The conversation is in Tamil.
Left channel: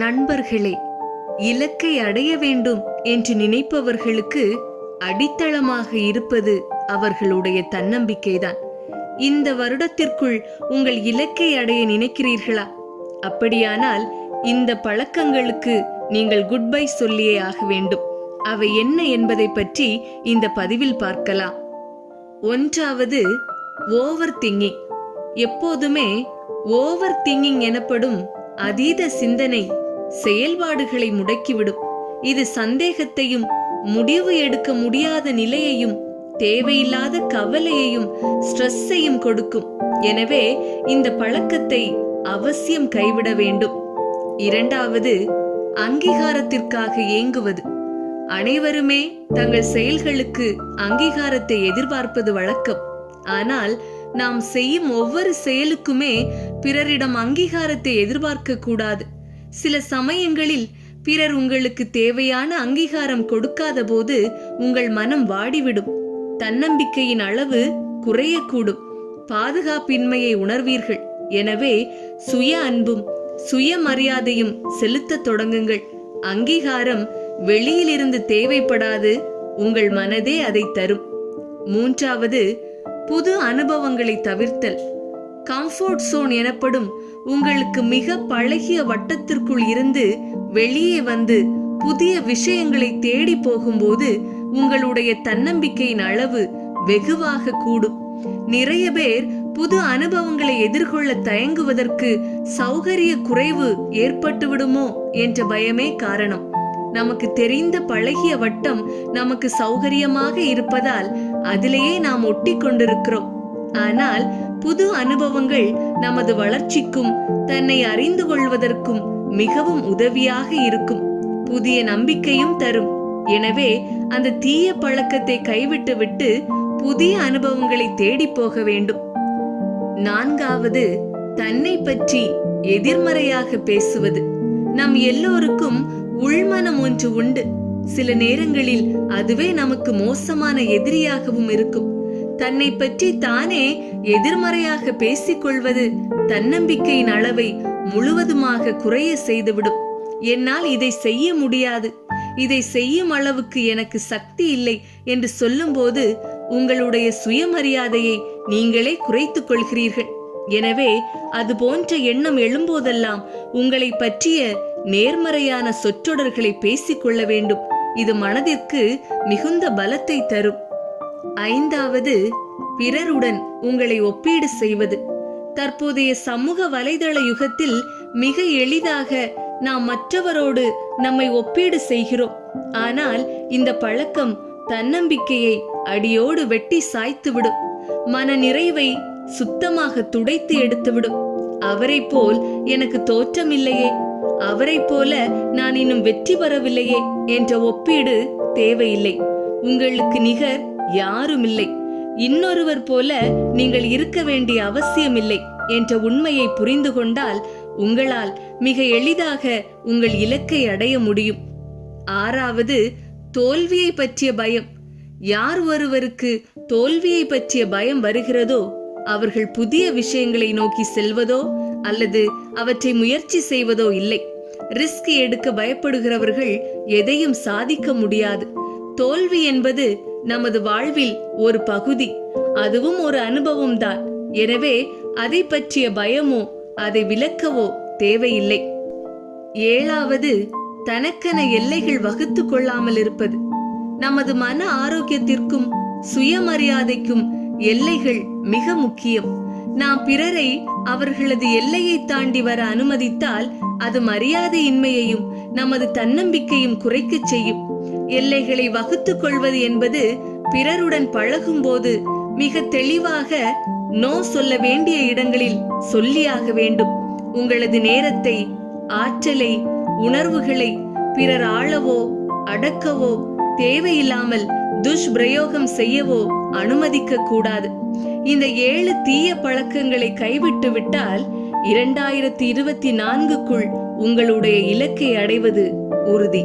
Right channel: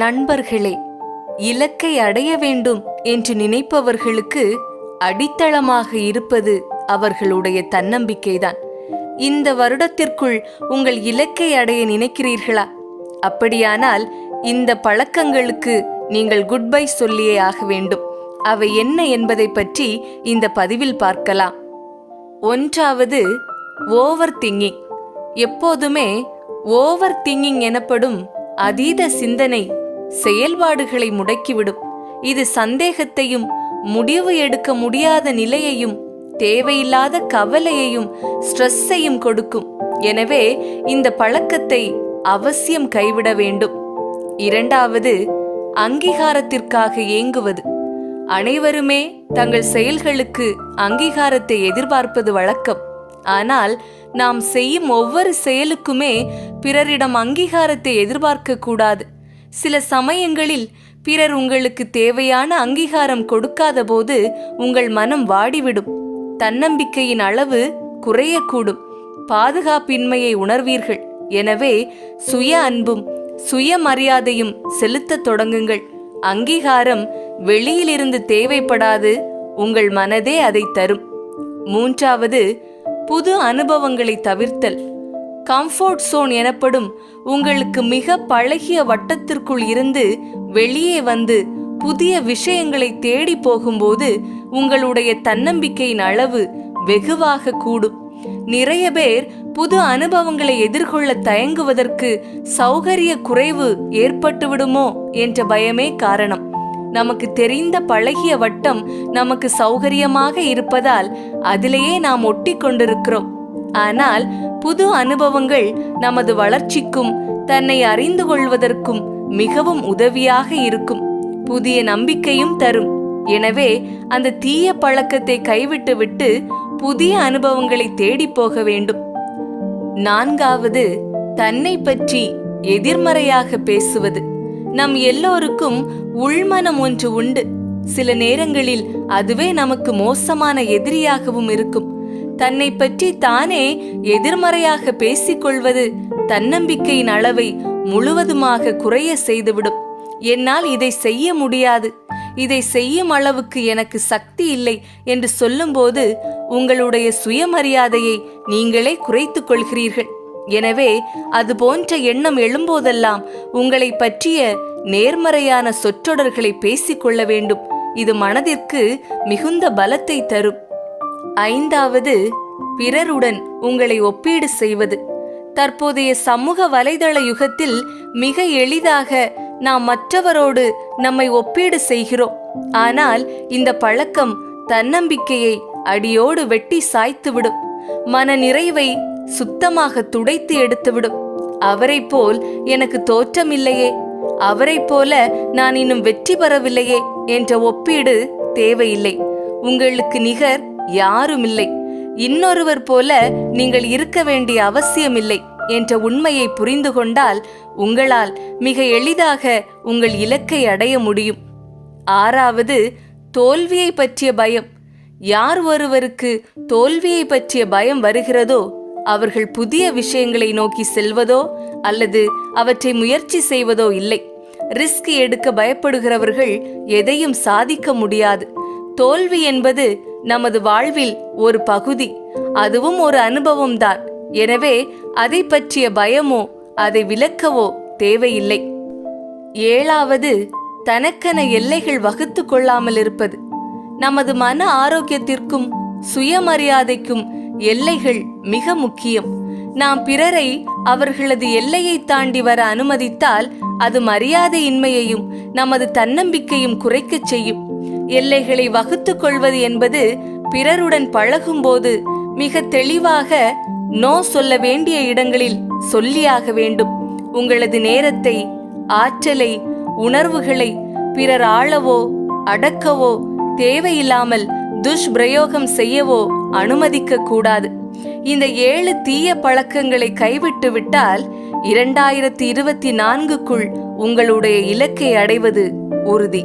நண்பர்களே இலக்கை அடைய வேண்டும் என்று நினைப்பவர்களுக்கு அடித்தளமாக இருப்பது அவர்களுடைய தன்னம்பிக்கைதான். இந்த வருடத்திற்குள் உங்கள் இலக்கை அடைய நினைக்கிறீர்களா? அப்படியானால் இந்த பழக்கங்களுக்கு நீங்கள் குட் பை சொல்லியே ஆக வேண்டும். அவை என்ன என்பதை பற்றி இந்த பதிவில் பார்க்கலாம். ஒன்றாவது ஓவர் திங்கிங். எப்போதுமே ஓவர் திங்கிங் எனப்படும் அதீத சிந்தனை செயல்பாடுகளை முடக்கிவிடும். இது சந்தேகத்தையும் முடிவு எடுக்க முடியாத நிலையையும் தேவையில்லாத கவலையையும் ஸ்ட்ரெஸ்ஸையும் கொடுக்கும். எனவே இந்த பழக்கத்தை அவசியம் கைவிட வேண்டும். இரண்டாவது அங்கீகாரத்திற்காக ஏங்குவது. அனைவருமே தங்கள் செயல்களுக்கு அங்கீகாரத்தை எதிர்பார்ப்பது வழக்கம். ஆனால் நாம் செய்யும் ஒவ்வொரு செயலுக்குமே பிறரிடம் அங்கீகாரத்தை எதிர்பார்க்க கூடாது. சில சமயங்களில் பிறர் உங்களுக்கு தேவையான அங்கீகாரம் கொடுக்காத போது உங்கள் மனம் வாடிவிடும். தன்னம்பிக்கையின் அளவு குறையக்கூடும். பாதுகாப்பின்மையை உணர்வீர்கள். எனவே சுய அன்பும் சுயமரியாதையும் செலுத்தத் தொடங்குங்கள். அங்கீகாரம் வெளியிலிருந்து தேவைப்படாது உங்கள் மனதே அதை தரும். மூன்றாவது புது அனுபவங்களை தவிர்த்தல். கம்ஃபோர்ட் சோன் எனப்படும் உங்களுக்கு மிக பழகிய வட்டத்திற்குள் இருந்து வெளியே வந்து புதிய விஷயங்களை தேடி போகும்போது உங்களுடைய தன்னம்பிக்கையின் அளவு வெகுவாக கூடும். நிறைய பேர் புது அனுபவங்களை எதிர்கொள்ள தயங்குவதற்கு சௌகரிய குறைவு ஏற்பட்டுவிடுமோ என்ற பயமே காரணம். நமக்கு தெரிந்த பழகிய வட்டம் நமக்கு சௌகரியமாக இருப்பதால் அதிலேயே நாம் ஒட்டி கொண்டிருக்கிறோம் ஆனால் புது அனுபவங்கள் நமது வளர்ச்சிக்கும் தன்னை அறிந்து கொள்வதற்கும் மிகவும் உதவியாக இருக்கும். புதிய நம்பிக்கையும் தரும். எனவே அந்த தீய பழக்கத்தை கைவிட்டுவிட்டு புதிய அனுபவங்களை தேடி போக வேண்டும். நான்காவது தன்னை பற்றி எதிர்மறையாக பேசுவது. நம் எல்லோருக்கும் உள்மனம் ஒன்று உண்டு. சில நேரங்களில் அதுவே நமக்கு மோசமான எதிரியாகவும் இருக்கும். தன்னை பற்றி தானே எதிர்மறையாக பேசிக்கொள்வது தன்னம்பிக்கையின் அளவை முழுவதுமாக குறைய செய்துவிடும். என்னால் இதை செய்ய முடியாது. இதை செய்யும் அளவுக்கு எனக்கு சக்தி இல்லை என்று சொல்லும்போது உங்களுடைய சுயமரியாதையை நீங்களே குறைத்துக் கொள்கிறீர்கள். எனவே அது போன்ற எண்ணம் எழும்போதெல்லாம் உங்களை பற்றிய நேர்மறையான சொற்றொடர்களை பேசிக்கொள்ள வேண்டும். இது மனதிற்கு மிகுந்த பலத்தை தரும். ஐந்தாவது பிறருடன் உங்களை ஒப்பீடு செய்வது. தற்போதைய சமூக வலைதள யுகத்தில் மிக எளிதாக நாம் மற்றவரோடு நம்மை ஒப்பீடு செய்கிறோம். ஆனால் இந்த பழக்கம் தன்னம்பிக்கையை அடியோடு வெட்டி சாய்த்துவிடும். மன நிறைவை சுத்தமாக துடைத்து எடுத்துவிடும். அவரைப் போல் எனக்கு தோற்றமில்லையே. அவரைப் போல நான் இன்னும் வெற்றி பெறவில்லையே என்ற ஒப்பீடு தேவையில்லை. உங்களுக்கு நிகர் யாருமில்லை. இன்னொருவர் போல நீங்கள் இருக்க வேண்டிய அவசியமில்லை என்ற உண்மையை புரிந்து கொண்டால் உங்களால் மிக எளிதாக உங்கள் இலக்கை அடைய முடியும். ஆறாவது தோல்வியை பற்றிய பயம். யார் ஒருவருக்கு தோல்வியை பற்றிய பயம் வருகிறதோ அவர்கள் புதிய விஷயங்களை நோக்கி செல்வதோ அல்லது அவற்றை முயற்சி செய்வதோ இல்லை. ரிஸ்க் எடுக்க பயப்படுகிறவர்கள் எதையும் சாதிக்க முடியாது. தோல்வி என்பது நமது வாழ்வில் ஒரு பகுதி. அதுவும் ஒரு அனுபவம்தான் எனவே அதை பற்றிய பயமோ அதை விளக்கவோ தேவையில்லை. ஏழாவது தனக்கென எல்லைகள் வகுத்து கொள்ளாமல் இருப்பது. நமது மன ஆரோக்கியத்திற்கும் சுயமரியாதைக்கும் எல்லைகள் மிக முக்கியம். நாம் பிறரை அவர்களது எல்லையை தாண்டி வர அனுமதித்தால் அது மரியாதையின்மையையும் நமது தன்னம்பிக்கையும் குறைக்கச் செய்யும். எல்லைகளை வகுத்துக் கொள்வது என்பது பிறருடன் பழகும்போது மிக தெளிவாக நோ சொல்ல வேண்டிய இடங்களில் சொல்லியாக வேண்டும். உங்களது நேரத்தை ஆற்றலை உணர்வுகளை பிறர் ஆளவோ அடக்கவோ தேவையில்லாமல் துஷ்பிரயோகம் செய்யவோ அனுமதிக்க கூடாது. இந்த ஏழு தீய பழக்கங்களை கைவிட்டு விட்டால் இரண்டாயிரத்தி இருபத்தி நான்குக்குள் உங்களுடைய இலக்கை அடைவது உறுதி.